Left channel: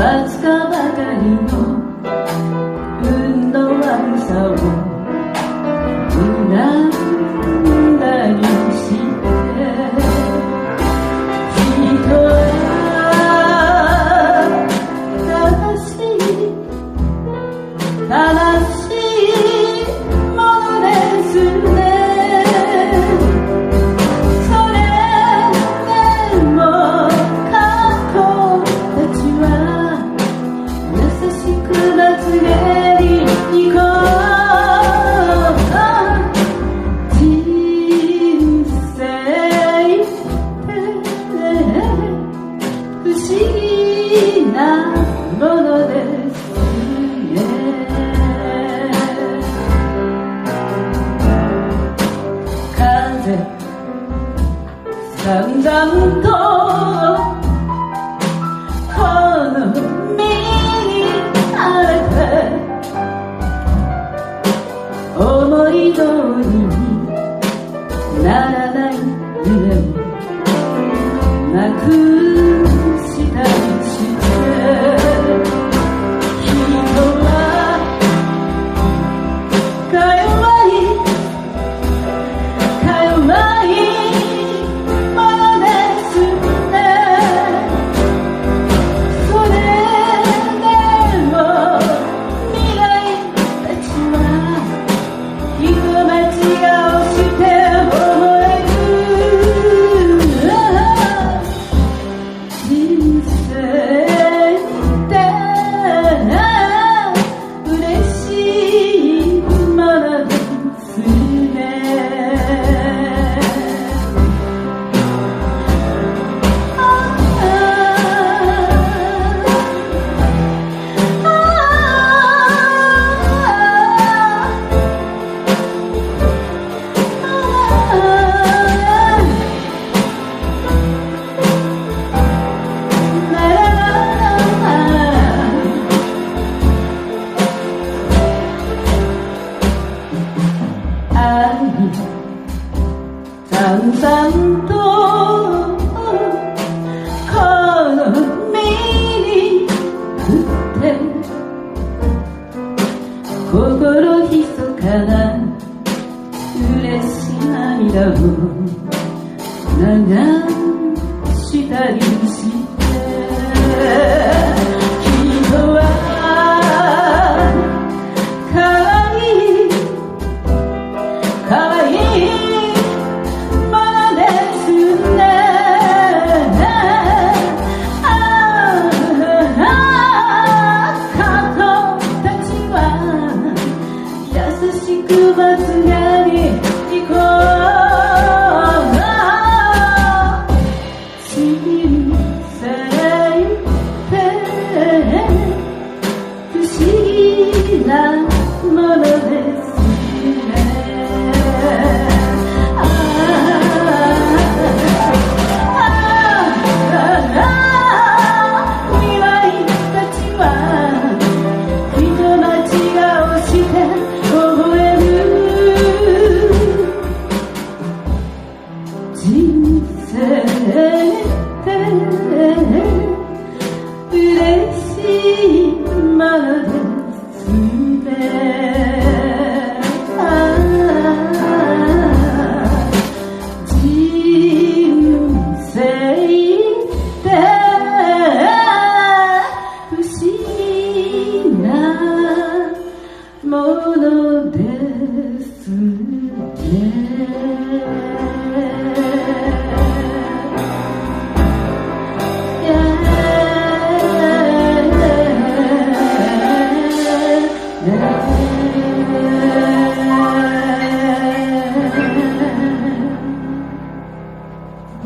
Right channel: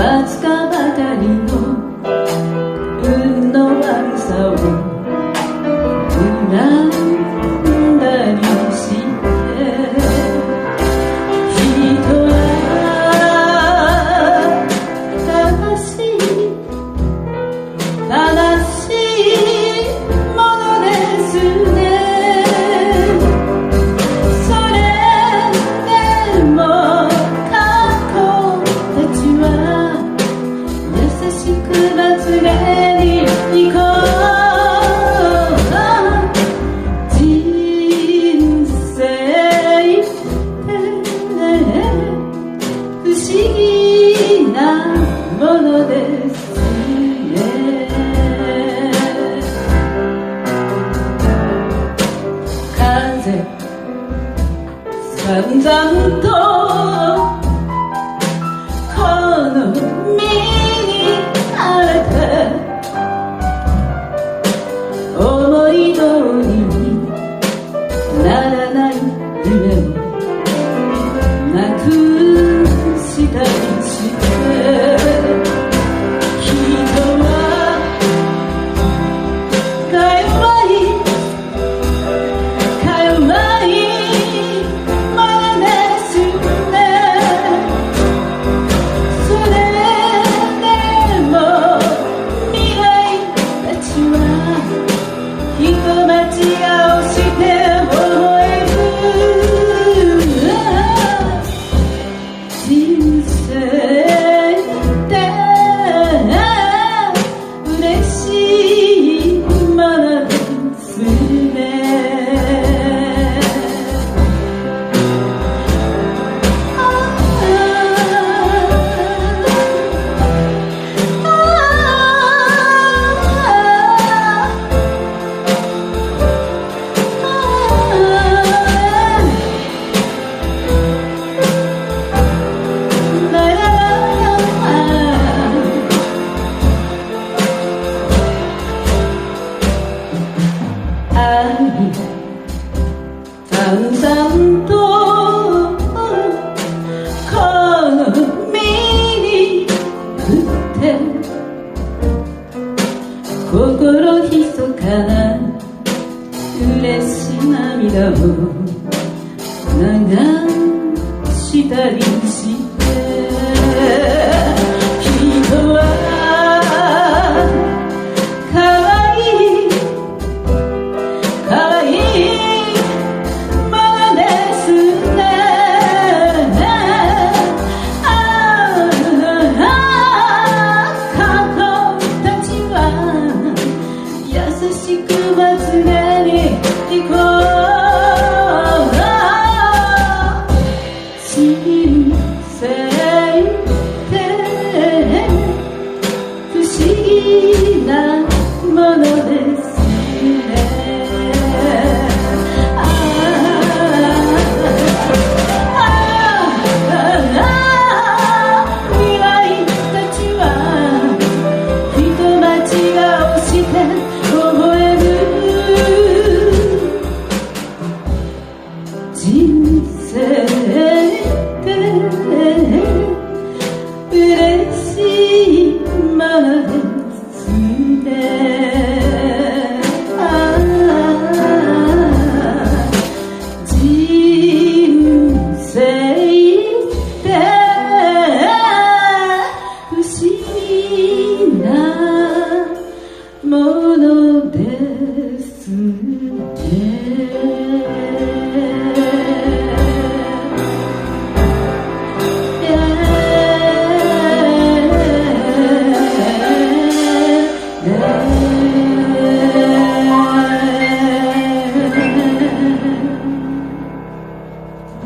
わずかばかりの運の悪さをなんだにして人は悲しいものですね。それでも過去たちは優しくまつげに行こう。人生って不思議なものですね。風さんざんとこの身にあらて思い通りにならない夢をなくしたりして人はか弱いものですね。それでも未来たちは人待ちをして微笑む。人生って嬉しいものですね。淡々とこの身に降って心ひそかな嬉し涙を流したりして人は可愛い優しくまつげに行こう。人生って不思議なものですね。未来たちは人待ちをして人生って嬉しいものですね。人生って不思議なものですね。